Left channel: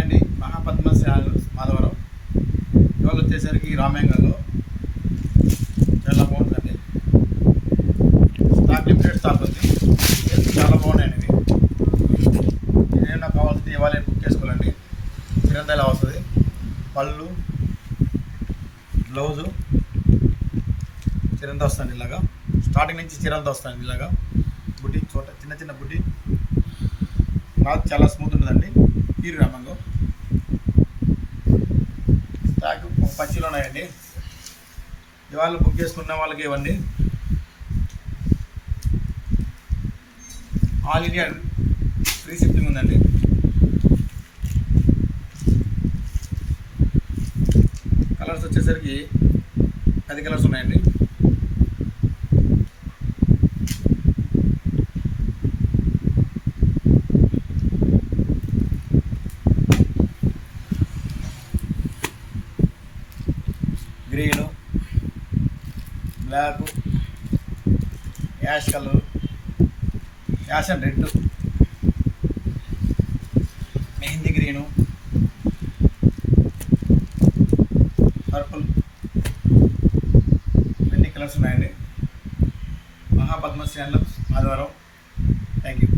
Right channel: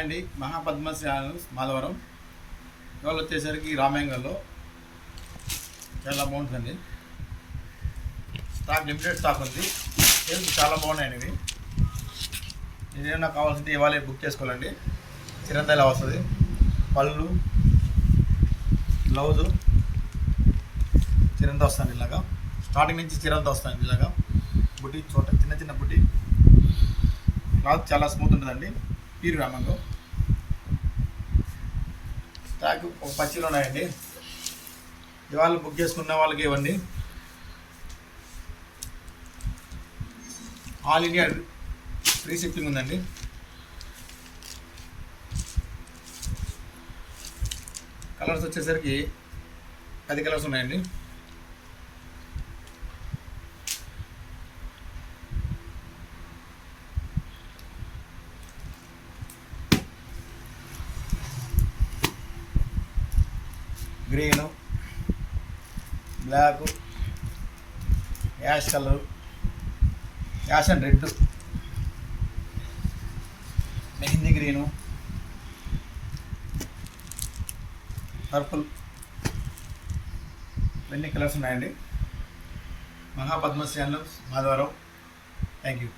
అండి మహాపద్మశాలు మాధవరం ఇవాళ వచ్చేసరికి రామేంగల్లో చాలా బాగుంటుందండి. స్టాక్ లిమిటెడ్ స్టాక్ ఉంది. చాలా బాగున్నాయండి ఇవి. ఏదైనా కావాల్సింది ఇవాళ బుక్ చేసుకోవాలండి. చిరంతైలా వస్తుంది. పళ్ళు బ్లౌజు చిరంత వస్తుంది. ఇలాగా స్టార్టింగ్ నుంచి చిరంత వస్తుంది. ఇలాగా బుట్టి చోట చిన్న చిన్న బుట్టి క్లాత్ చాలా స్మూత్ ఉంటుందండి. పీరు రామంగో స్టాక్ ఒక పచ్చిలో ఉన్నాయండి. ఇవాళ బుక్ చేసుకున్న వాళ్ళకి ఇవ్వండి. ఆల్ ఇండియా ఫ్రీ షిప్పింగ్ ఉందండి. కలర్స్ వచ్చేసరికి 10 కలర్స్ ఉన్నాయండి. Green, black, ash colour, ash and red, mehndi green, purple, ఇవన్నీ కలర్స్ ఉన్నాయండి. మహాపద్మశాలు మాధవరం. Thank you.